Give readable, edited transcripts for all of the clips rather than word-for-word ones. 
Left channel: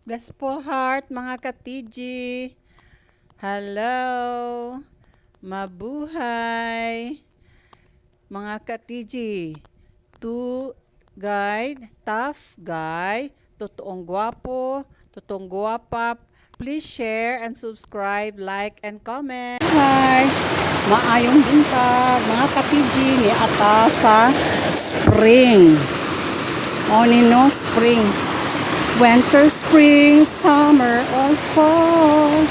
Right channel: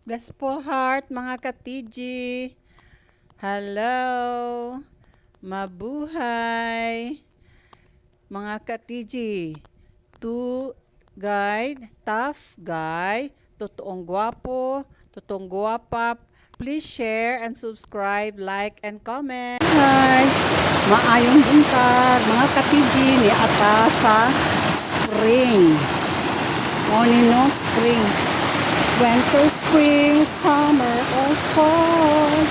Bless po heart, mga ka-TG. Hello. Mabuhay. Mga ka-TG. To guide, tough guy, totoong gwapo, totoong gwapa. Please share and subscribe, like, and comment. Hi. Maayong buntag, mga ka-TG ni ata sa spring. Morning no spring. Winter, spring, summer, or fall.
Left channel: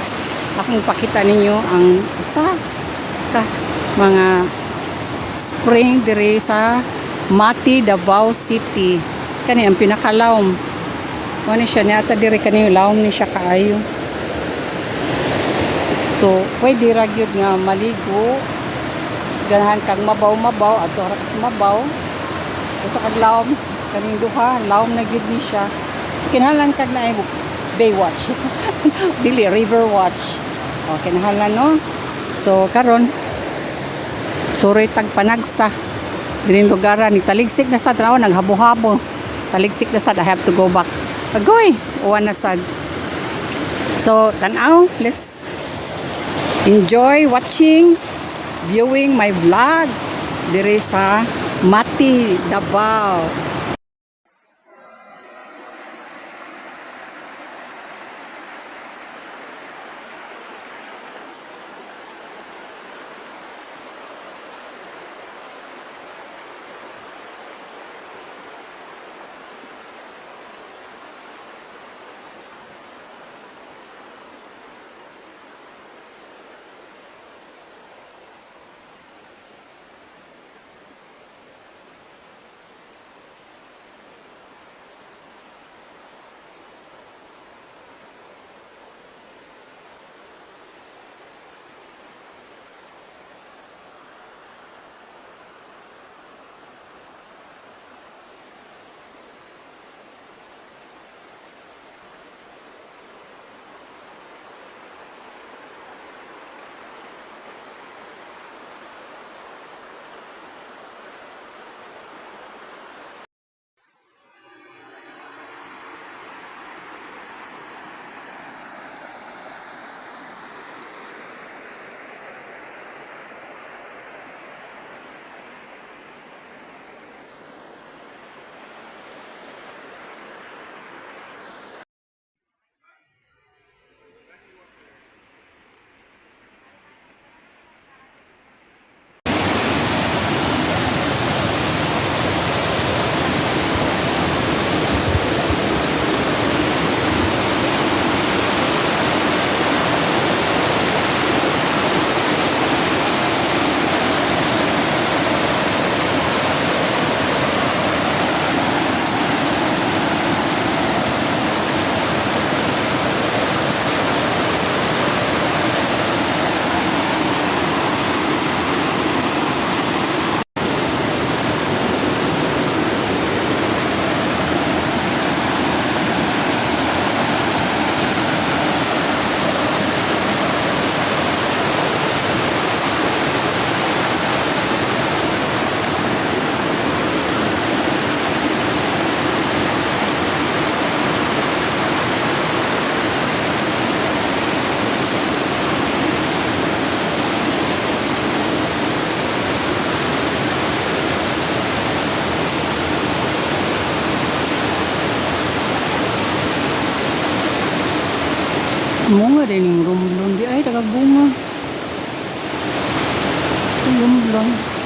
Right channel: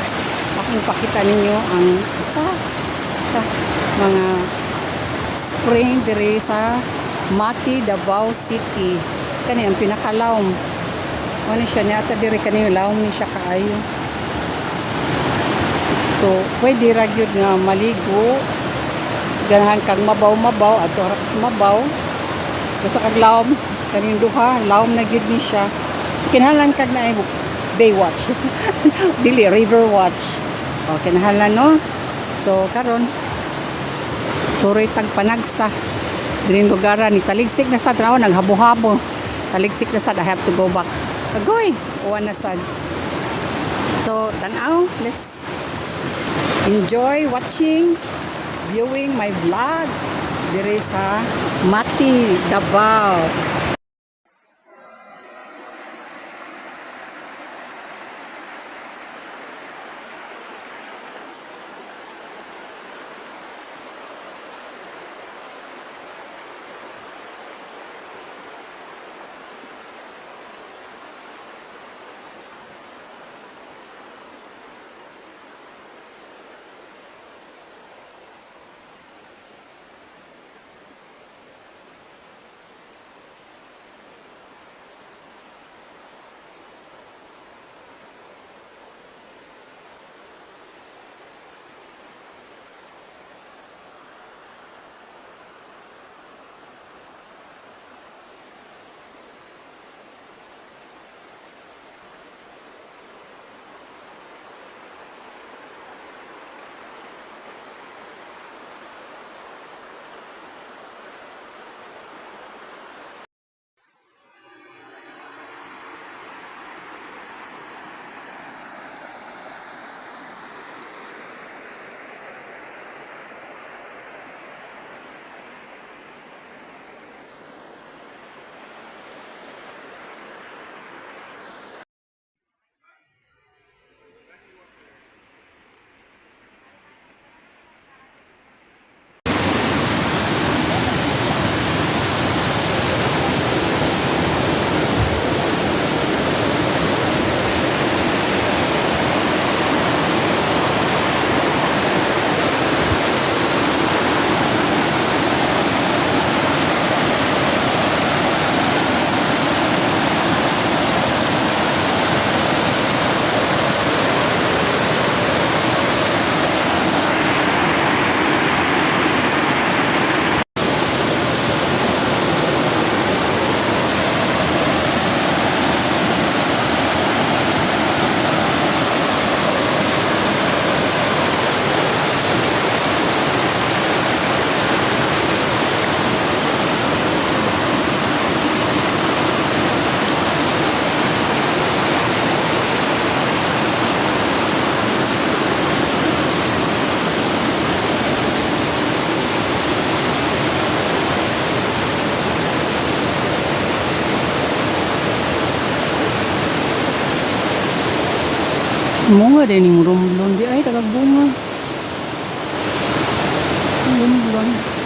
Aking pakita ninyo ang mga spring diri sa Mati, Davao City. Kani ang pinakalawom. Ano siya ni ata diri kani lawom ni siya kaayo. So, pwede ra gyud nga maligo. Ganahan kang mabaw-mabaw adto ra ka mabaw. Basta kag lawom kaning duha, lawom na gyud ni siya. Kinahanglan kag na Baywatch. Dili River Watch. O kinahanglan no. So karon sorry tag panagsa. Dining lugaran ni taligsik na sad raw naghabo-habo. Taligsik na sad I have to go back. Agoy, uwan na sad. So tan-aw, let's enjoy watching, viewing my vlog diri sa Mati, Davao. Bunga din yung rumblon. Di ay, tagagbunga. Rumblon.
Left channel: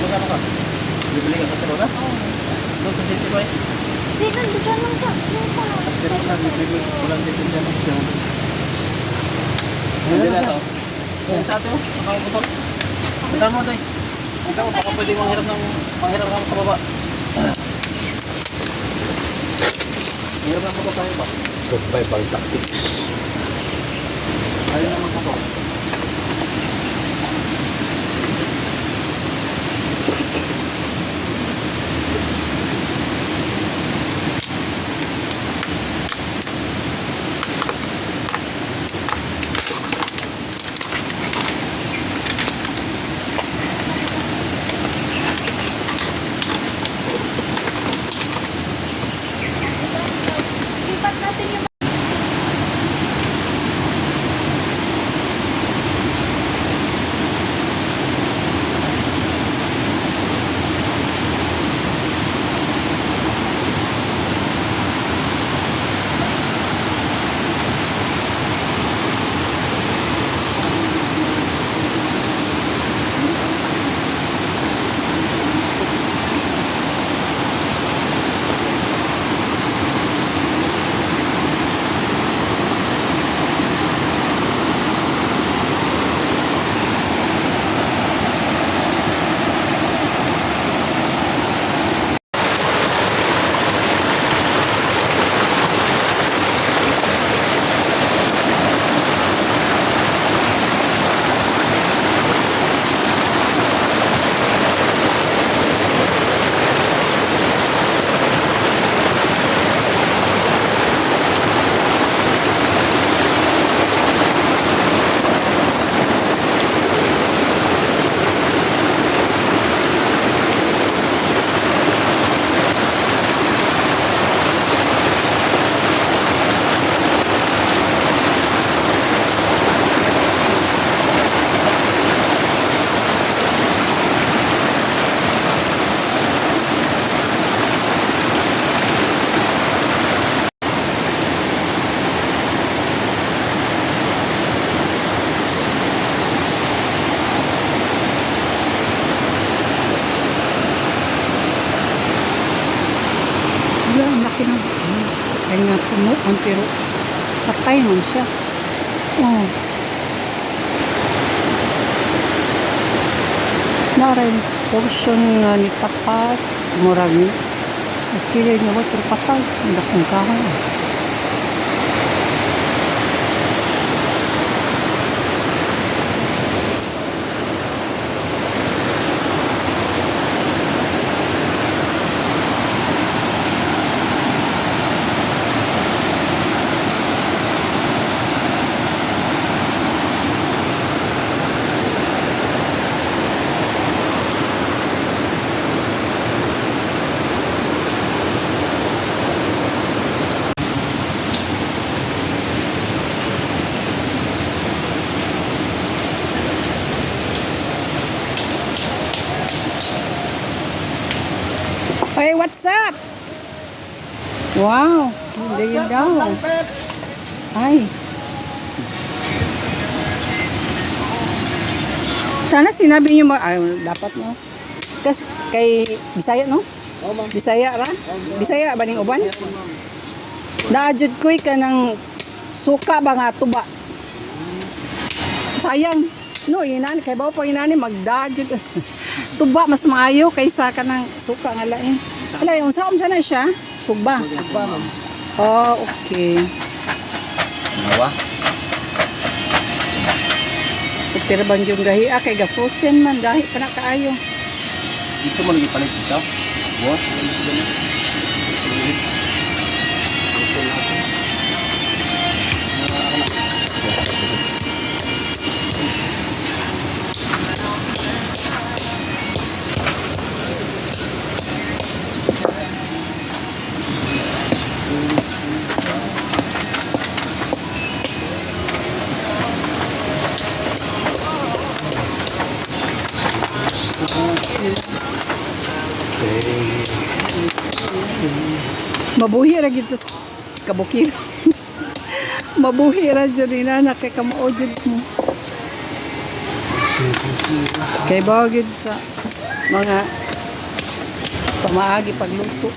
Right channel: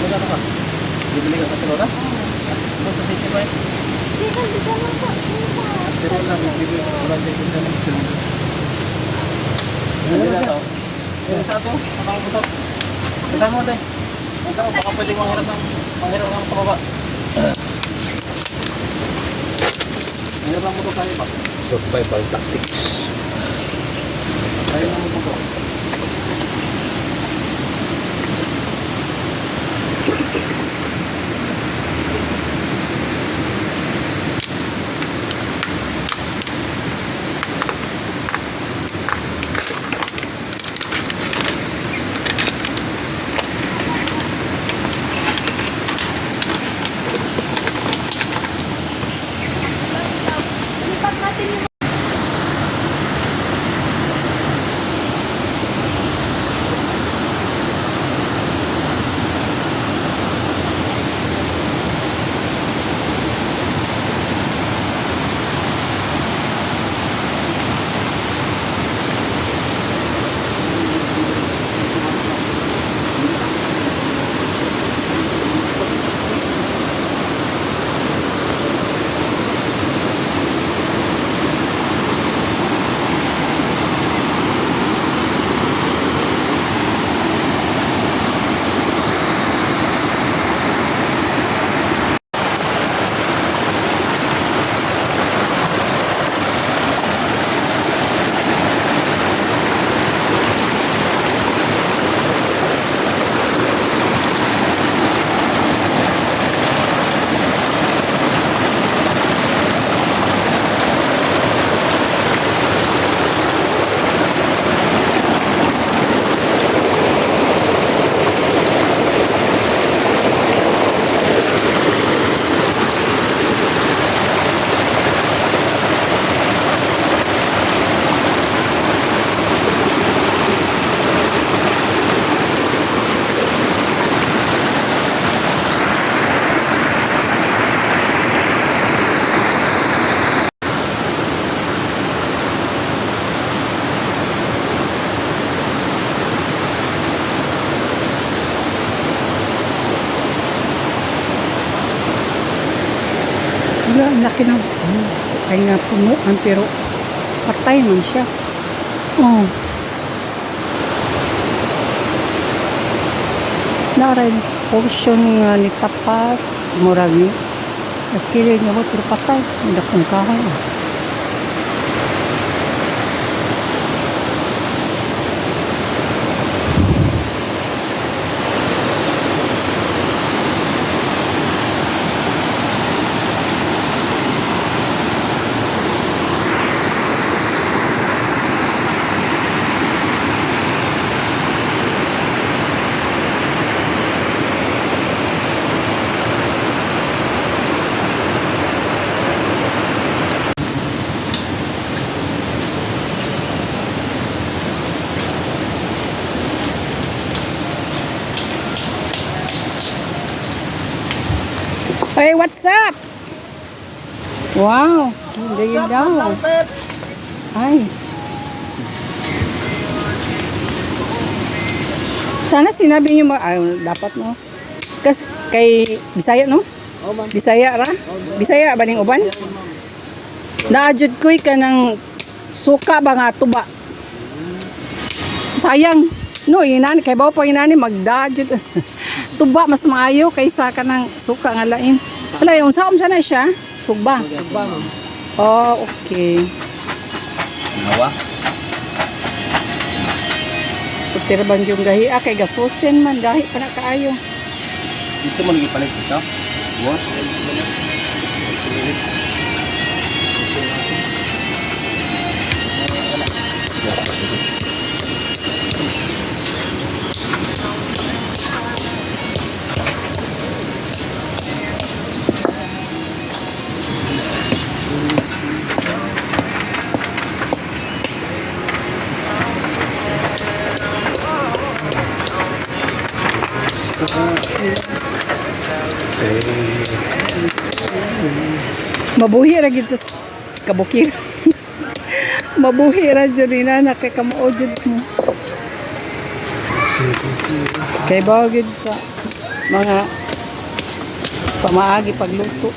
Magkano ka? Bibili ka sa lona? Ano sa sito ba? Dito, dito lang sa... Pero walang tikin dyan. Hindi na ito. Yung sa atin, nakabutok. Punta mo tayo. Punta mo, baka pwede manghiram ka sa baba. Manghiram lang mo ito tayo ba? Survival tactics. Tayo naman ito. Wala, ang laki ng kaya nga punuan pero patay man siya. Oh. Naray portion nga ni tapat murag ni naskili niya mo pero patay. Ang lakong kahoy. Oh. Hey, what's up? Wow, hindi yun daw. Ay. Sana sinabi niyo dapat mo. Kasi kay Bisaya no? Bisaya ra? Bisaya ba ning uban? Naadjud koy ka ng suka ba nga tuba. Sayang. No, inani kay bawo pa inani magdadjud. Tuba mas maayo kaysa kanang suka nga lain. Wala yung sa na siya? Sugba. Oh, okay. Nawa? Pagtira bang yung gahi kay gafusen man gahi pa na kaayo. Dito mo lagi palit dito? What? Mabuhi ra gid sa kabukir. Mabuhi ra jud ina nakakamuod jud mo. Kay bagid sa mga pamaagi pagluto.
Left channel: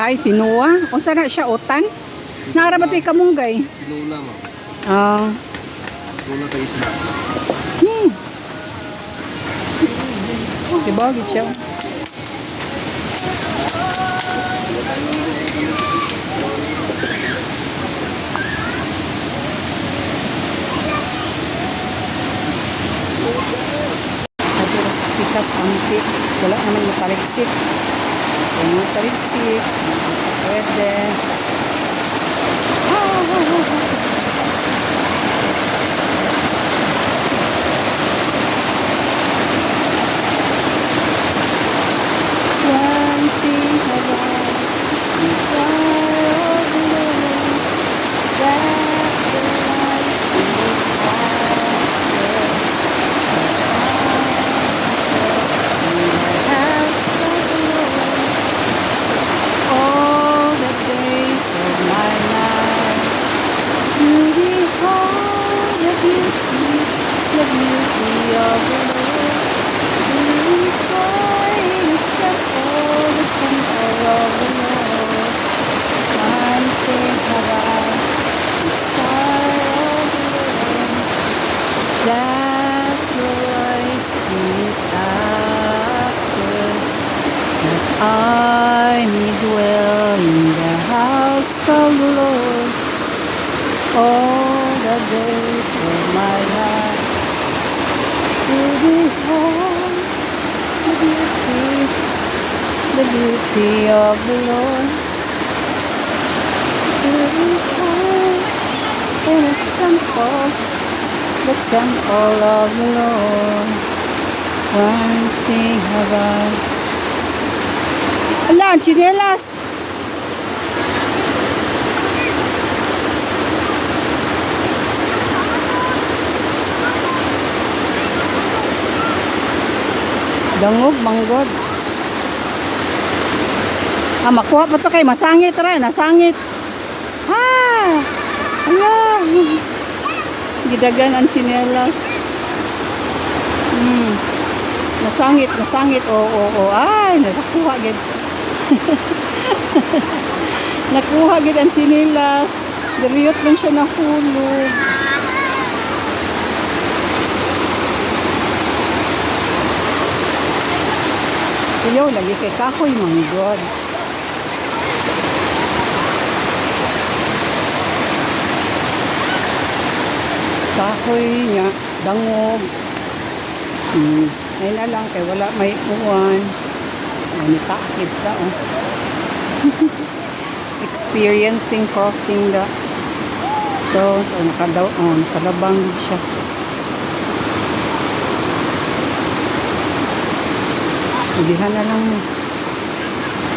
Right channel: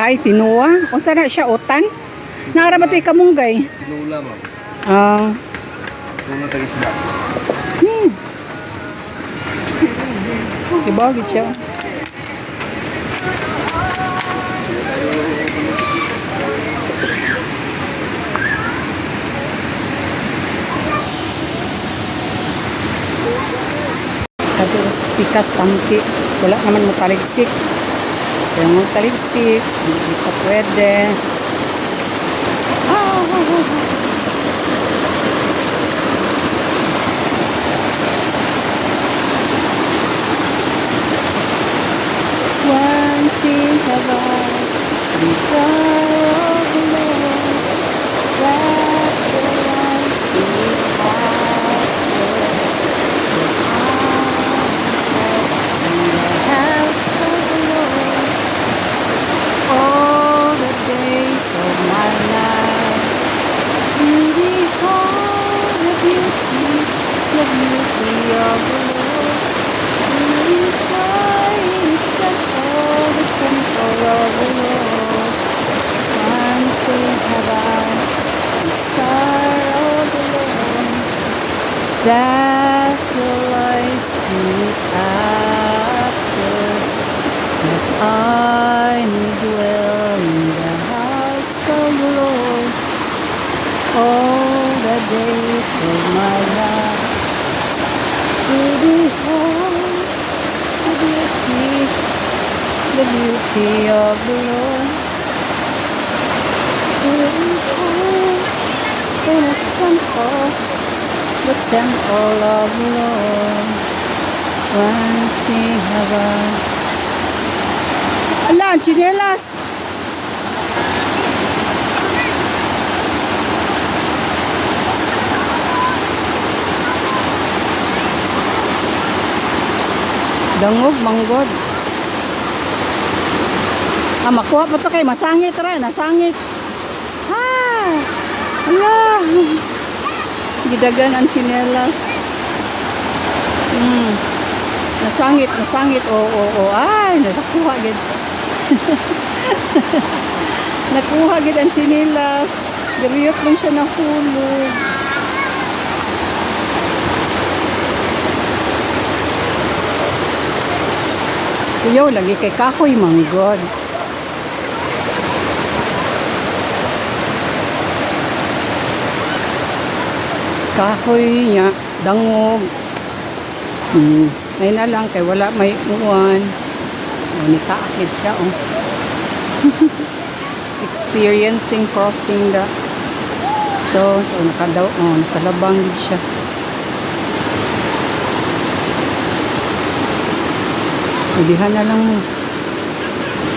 Ay, tinuwa. Unsa na siya utan? Naara ba ito'y kamunggay? Tinula, ma'am. Ah. Tinula tayo sila. Ibagid siya. Sabi ko, pikas kampi. Wala naman mo taligsik. Kaya mo taligsik. Hindi pa pwede. One thing about desire of the Lord, that the life is after in the house of the Lord all the days of my life, to behold the beauty of the Lord, to enjoy His temple, the temple of the Lord. One thing have I desire of the Lord, that will I seek after, that I may dwell in the house of the Lord all the days of my life, to behold the beauty of the Lord, to behold the temple of the Lord. One thing have I. Ala, chinelas! Dangog, manggod. Ah, makuha pa to kay masangit ra, nasangit. Ha! Ala! Gidagan ang chinelas. Nasangit. Oo. Ay, nakuha gid. Nakuha gid ang chinelas. Diriyot lang siya nahulog. Ayaw, lagi kay kahoy, manggod. Kahoy niya, dangog. Ngayon na lang, kay wala may uwan. Nakaakit siya, oh. Experiencing crossing the stones. Nakalabang siya. Ulihan na lang mo.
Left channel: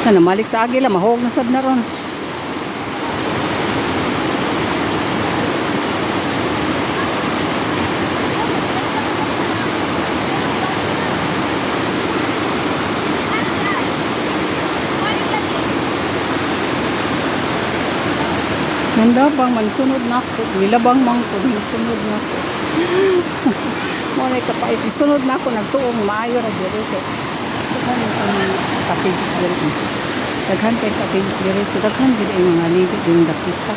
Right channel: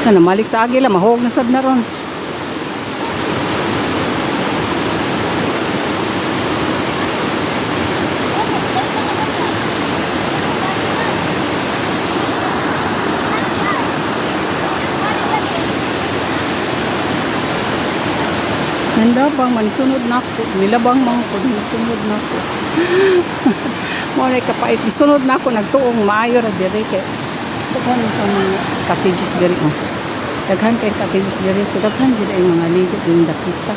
Namalik sa agila, mahog na sad na ron. Nanda bang mansunod na ako. Nilabang mang ko, sunod na ako. Muna kapait, sunod na ako, nagtuong maayo na direct. Daghan kang cottages diri. Daghan kay cottages diri. So daghan gid ay mga ligo din dakita.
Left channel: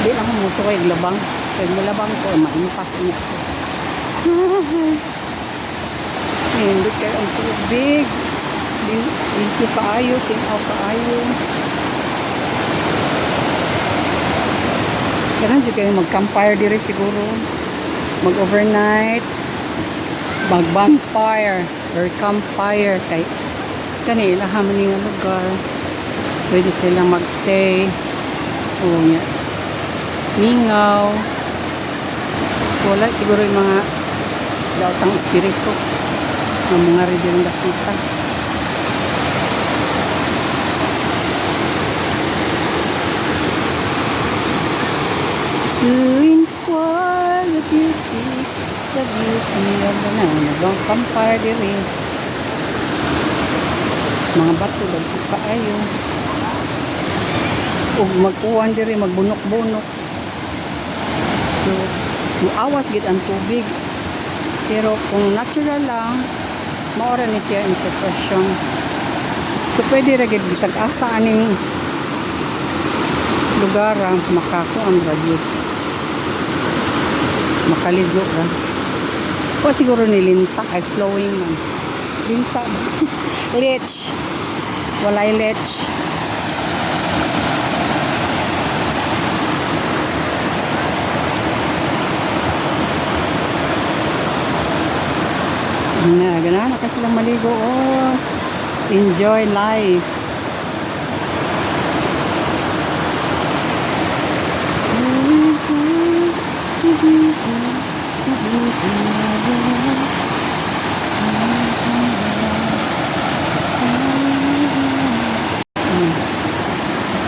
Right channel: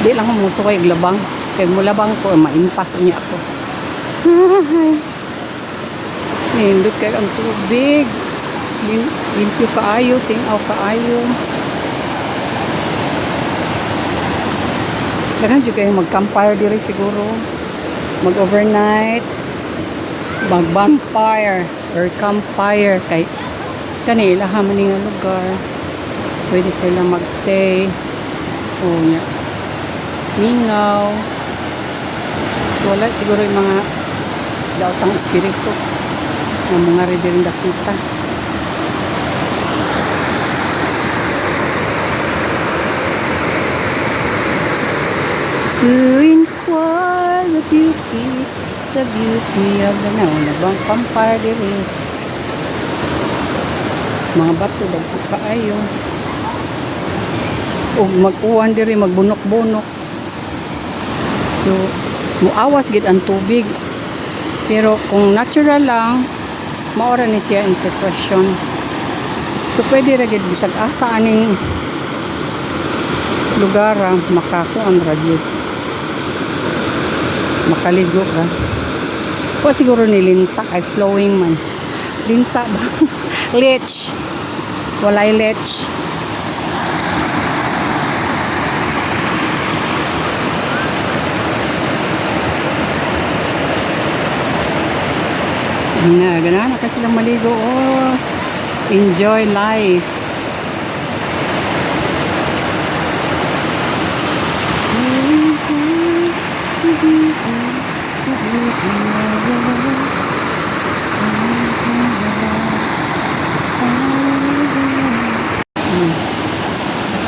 Di lang mo sukoy glabang. Kay mo labang ko maimpas niya ako. Hindi ka ang tubig. Hindi kaayo, tinaw kaayo. Ganun dito kayo mag-campfire diri siguro. Mag-overnight. Mag-bonfire or campfire. Kay kanila hamaning nga lugar. Pwede silang magstay. O nga. Mingaw. Wala siguro yung mga daotang espiritu ng mga rin nakita. Pursuing for the beauty of the now. Nabang campfire diri. Mga bato, dagko kaayo. O mag-uwan diri, magbunok-bunok. So, muawas gid ang tubig. Pero kung natural lang, maora ni siya in sitwasyon. So, pwede ra gid bisag asa aning lugar makakuan ra gid. Makaligo ra. O siguro nilinta ay flowing man. Linta ba? Lech. Walay lech. Ganahan na kasi lang maligo. Oh, enjoy life.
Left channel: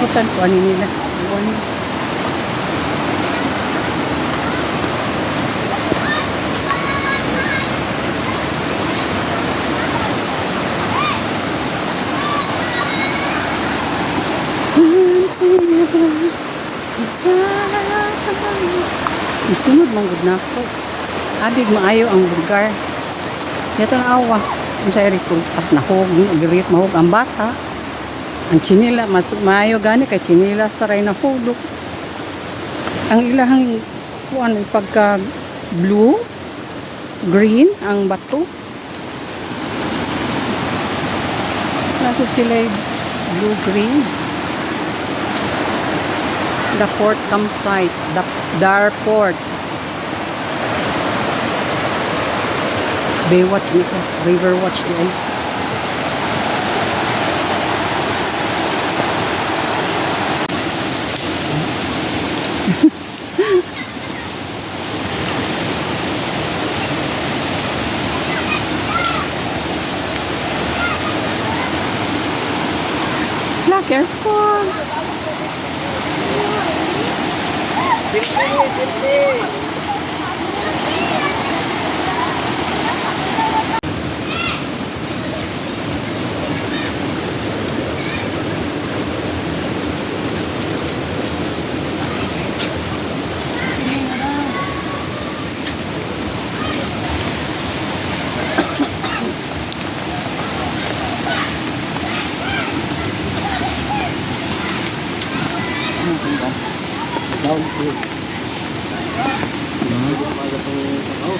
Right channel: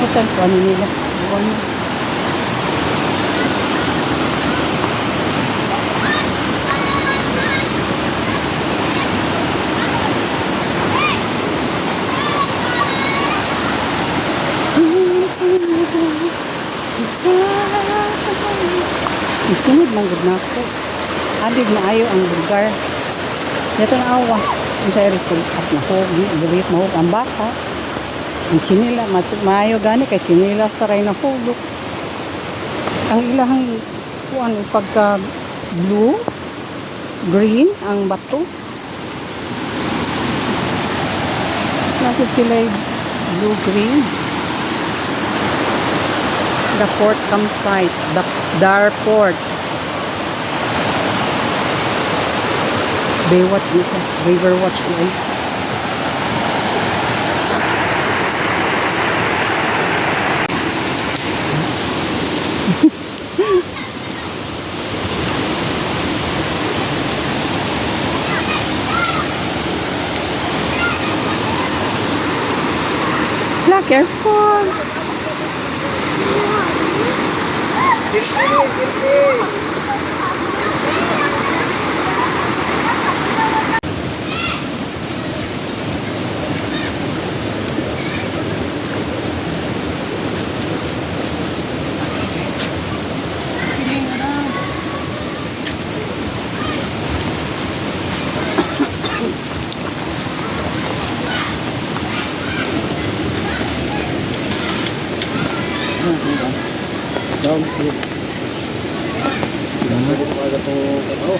Kita ko ano nila. Iwan. Isunod manggod na ako. Adig maayo ang lugar. Yato na awa. Ang sa resulta na hog. Girit mahog ang bata. Ang chinila. Mas maayo gani kay chinila saray na hugok. Ang ilahang kuan pagka blue, green ang bato. Nasa sila blue, green. The port campsite, the Darrporrt. Baywatch dito, river watch dito. La, careful. Downfield. Pwede ko kagad itong Davao.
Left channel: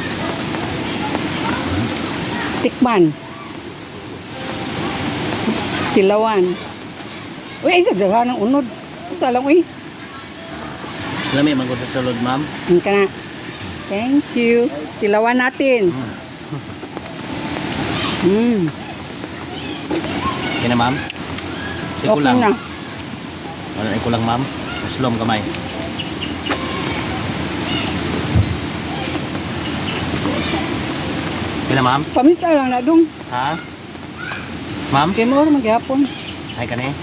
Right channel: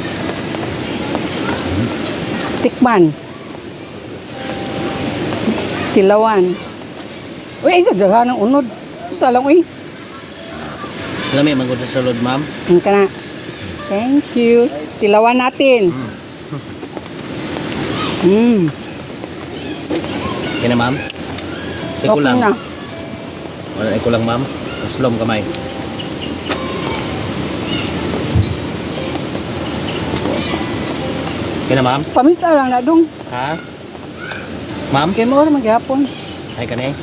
Tikman. Tilawan. Uy, isa daghan ng unod. Usa lang uy. Lami magod sa sulod, ma'am. Ang kana. Thank you. Tilawan natin. Kaya na, ma'am? Okay Kulang. na. Wala na kulang, ma'am. Maslom kamay. Kaya na, ma'am? Pamisa lang na dong. Ha? Ma'am? Kaya mo rin maghapon. Ay ka na eh.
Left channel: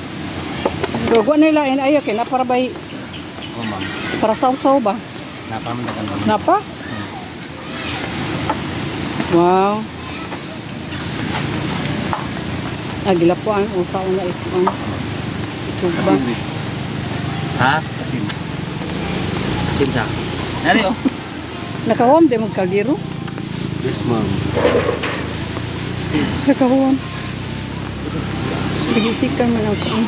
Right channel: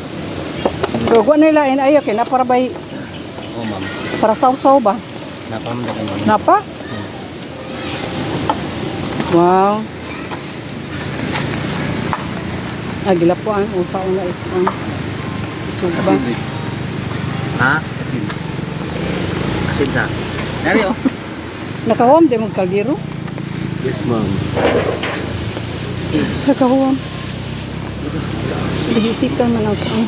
Dugo na ilain ayo kay na para bay Oo, ma'am. para sausaw ba? Napamandagan, ma'am. Napa? Wow. Gilapuan usa una ito. Suba. Ha? Asin. Asin sa. Nari, oh. Nakahom di mo kaldero. Yes, ma'am. Nakahom. Bigisikan man ako.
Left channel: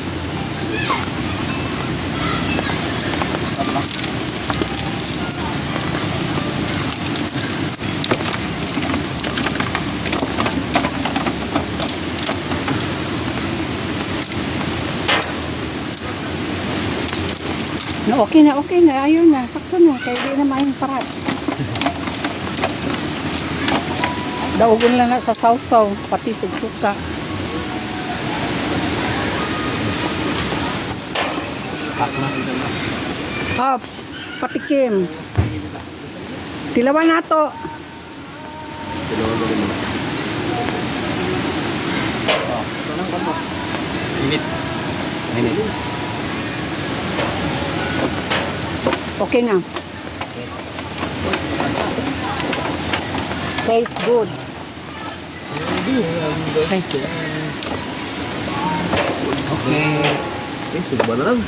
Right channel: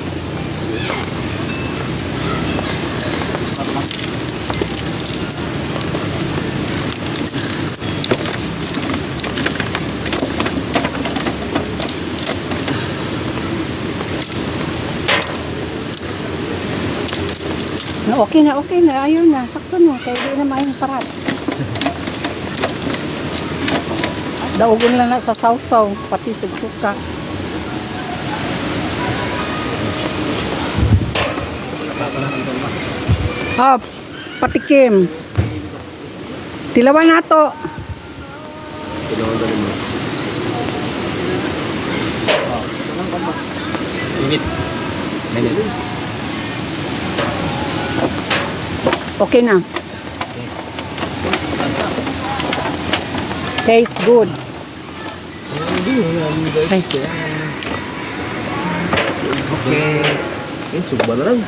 Okay na, ayaw na. Sakto na, kaya di na mayang parat. Daugon lang na sa sausaw, pati sugsuka. Ah, patikim. Tilawan na to. Wait. Minute. Okay na. Tastes good. Okay. Eh, suba na lang.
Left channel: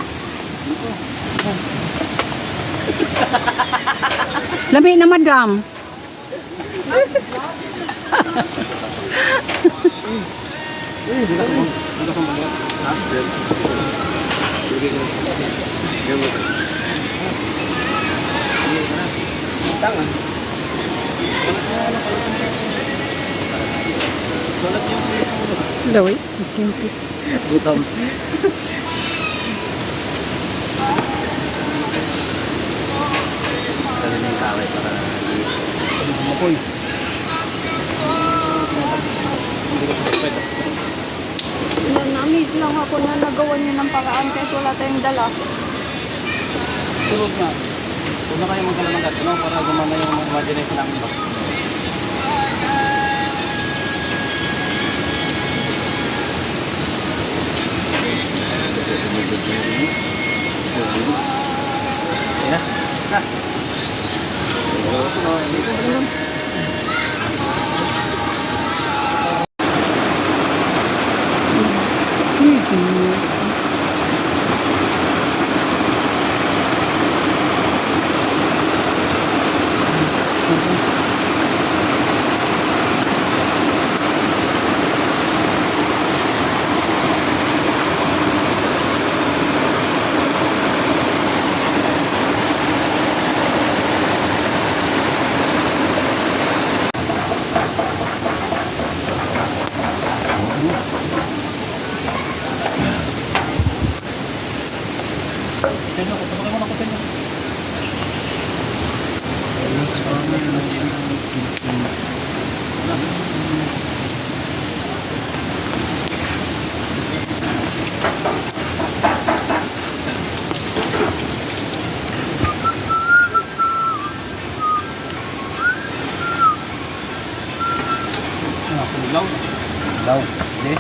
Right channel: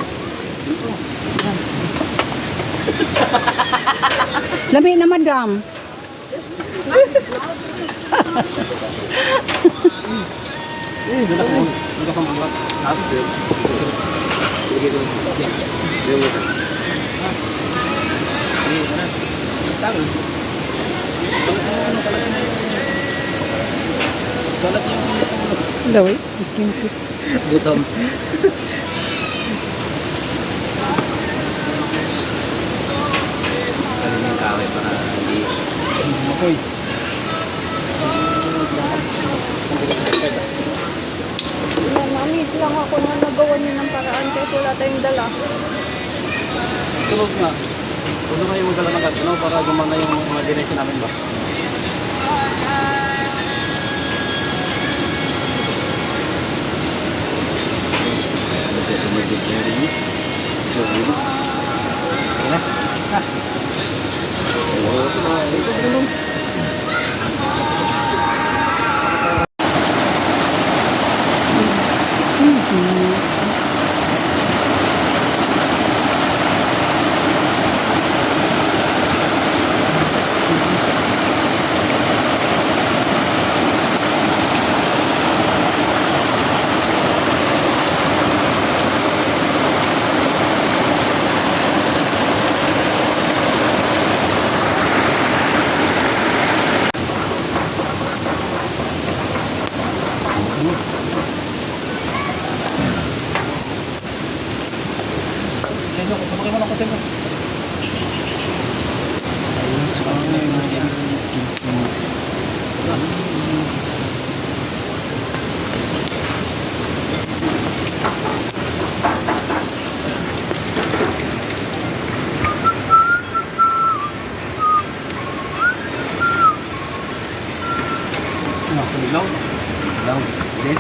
Lami na madam. Hindi ka magbuhat. Sige ko. Yan mo ka. Tanga. Balat yung ulo. Laway, ikimpit. Gutom. Galing yung kaway para hindi. Apoy. Na-amaze lang ako na nagawa niyo ng paraan kahit wala tayong dala. Tulog na. Huwag na kayo magdala ng gatino para gumana yung imagination namin, boss. Kasi kumagod na rin. So, ano? Tara. Ha? Oo, ito na. Ito, ganun. Tenyo, pasakay mo ng kutenyo. Ilaw. Ilaw. Okay.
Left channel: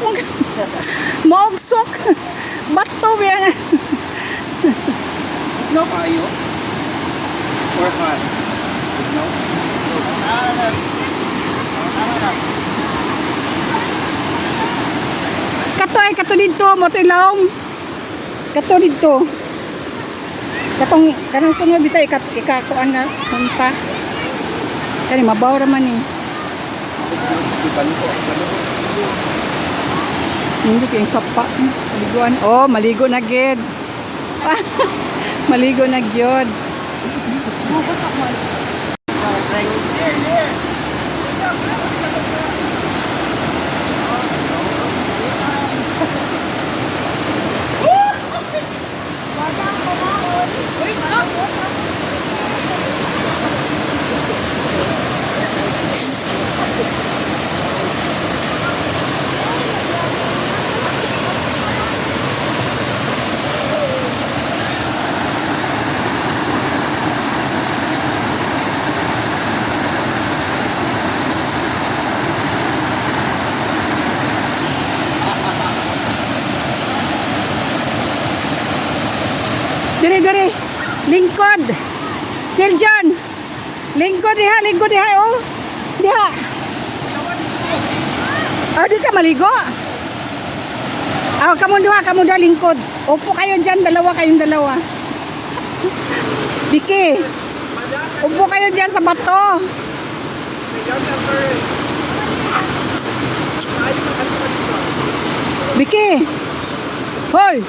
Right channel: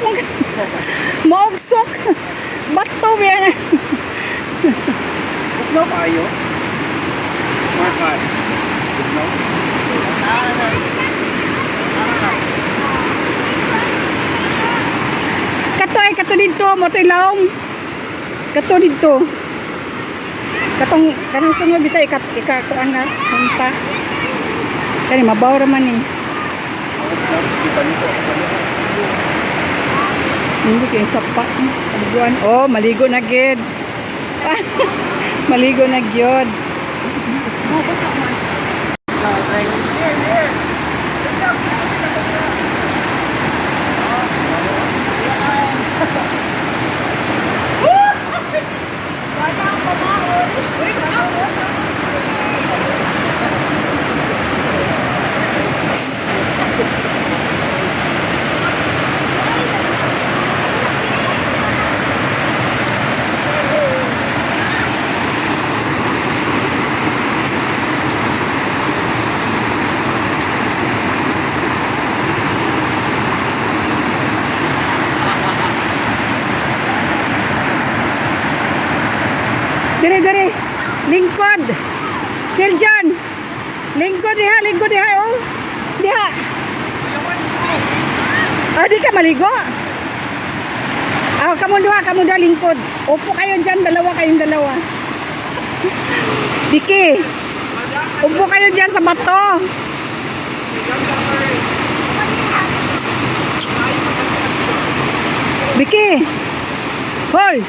mo. Maugsok. Bato yan. No tayo. Fourth man. No? Kato dito, mo to ilawom. Kato dito. Kanang sunod bitaw ikakuan na punta. Kani mabaw ra man ni. Hindi kay sapa. Maliguan. Oh, maligo na gid. Maligo na gyud. Dire. Lingkod. Dire dyan. Lingkod diha, oh. Diha. Oh, di ka maligo. Oh, kamu duha lingkod. Upo kayo dyan, kayong dalawa. Diki. Upo kayo dyan sa bato. Biki. Hoy.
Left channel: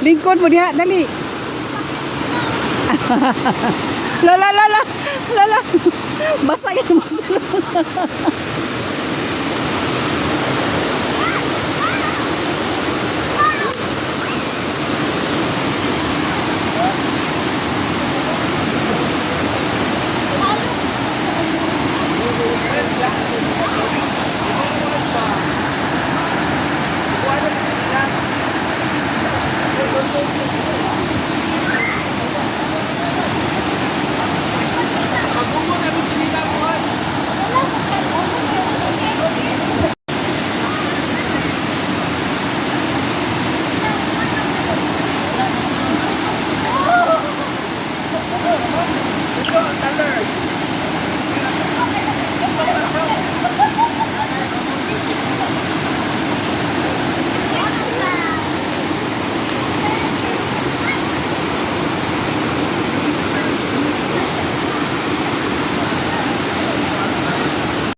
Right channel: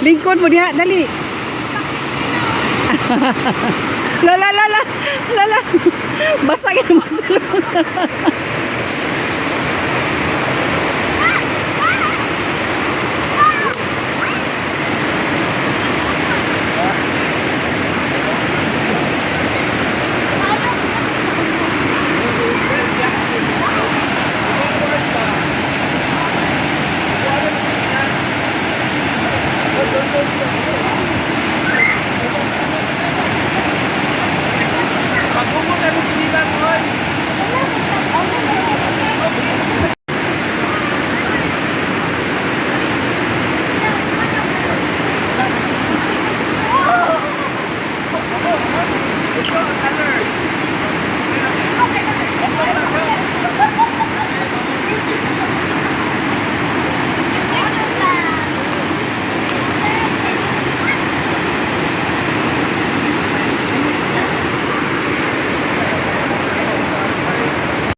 Lingkod mo diha, dali. Lala. Basa yan.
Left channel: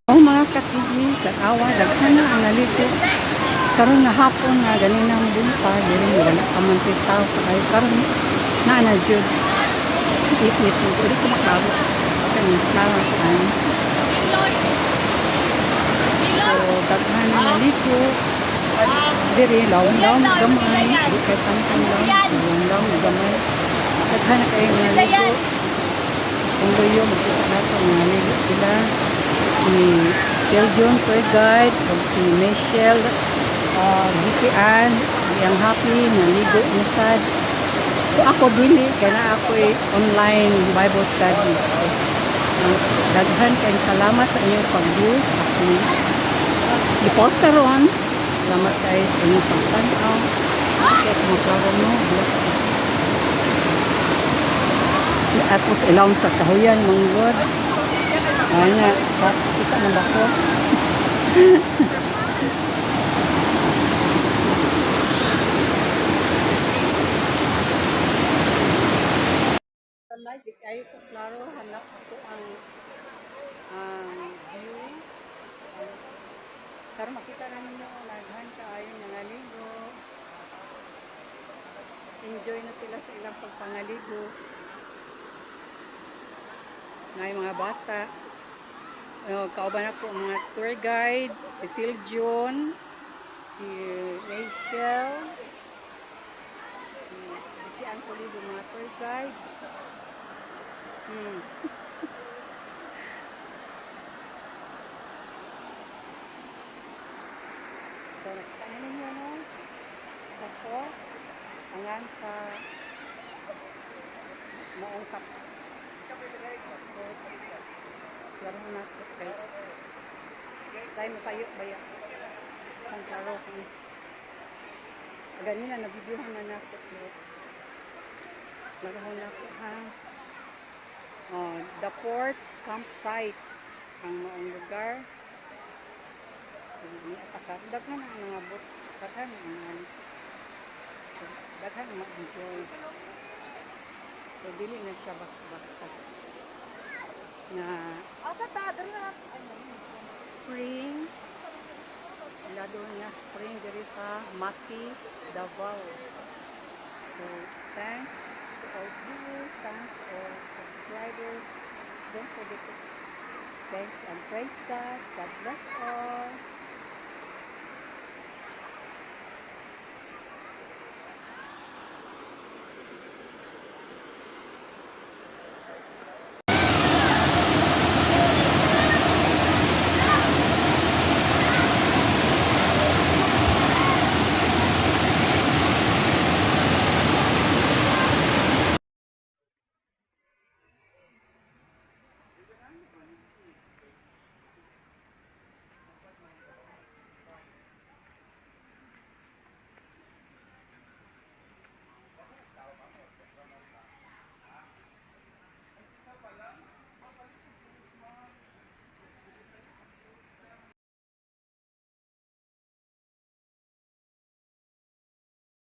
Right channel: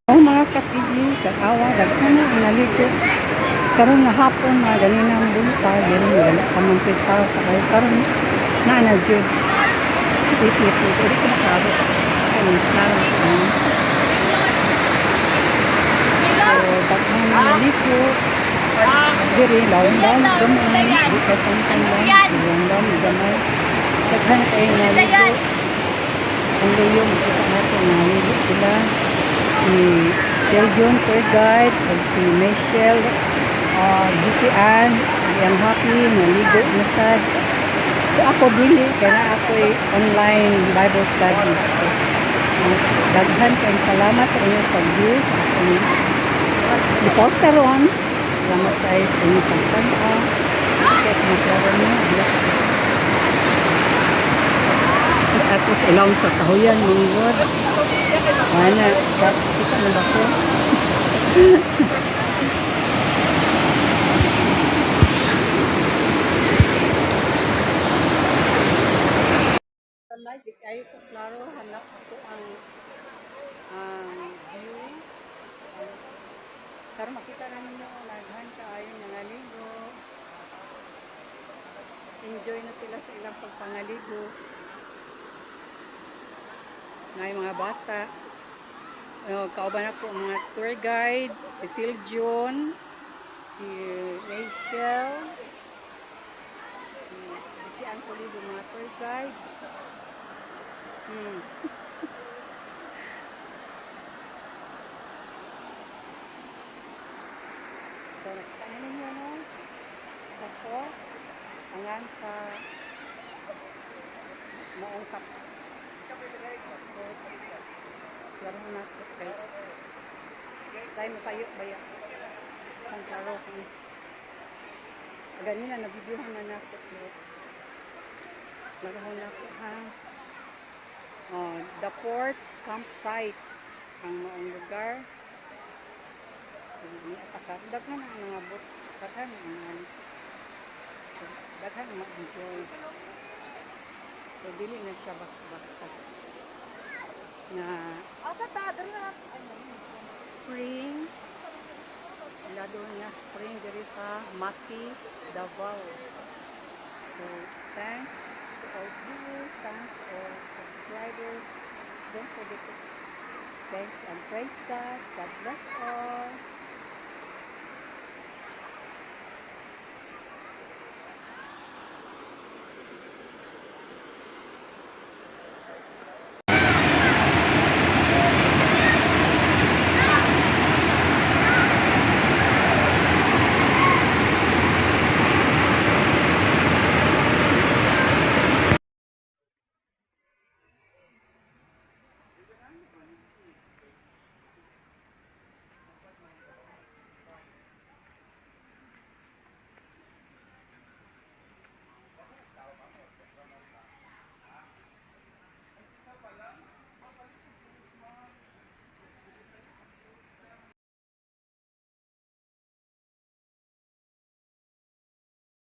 Oh, mga katigi, kag-awa, daghan na ang naligo. Karon nga hapon na ganinang bunta, diri wala pa man kay tao kay karon na jud. Ipit, dili ko maklaro. Kay klaro ko. So, daghan na naligo. Diri laom gamay, di kay tantang laom gamay. Daghan na kay naligo. Kung luyo makita natin naligo sila. Si John tour guide at si Michelle GPN yang happy naligo na sad. So ako dili kaya ako online Bible study. Daghan kayong salamat sa inyong pag-view sa akong i-post karon. Salamat kayo sa inyong pagtanaw. Kaya kumaklaro mo. At sa ilawang sa kahuyan mga God. Wala, kita na ba ko? Like, kayo ko klaro, hanap ko ang view. Pero makita namin yung naghan kaayo nangaligo. Enjoy na sila sa ilang pagpangaligo. Ngayon mga bata. Kauban ako mga tour guide, si Phil John, si Rachel, si ang solido mga tour guide. So nakita ninyo no? Ako, angan sa maungkap. Laro na tayo masayo ba yan? Santa Rosa. Ganina, nabidyohan na nato. Nagahon na ko ha. Oh, Darrporrt campsite. Ang maong lugar. Ini atakar. Daghan ang mga bot. Daghan ang mga daghan ang ma-enjoy. So, dili na siya basta-basta. Na Asa ta, dali na. spring. Lado niya spring diri sa Maki, Davao. So, thanks to all viewers, thanks to all subscribers. Don't forget to thanks and praise God. God bless all.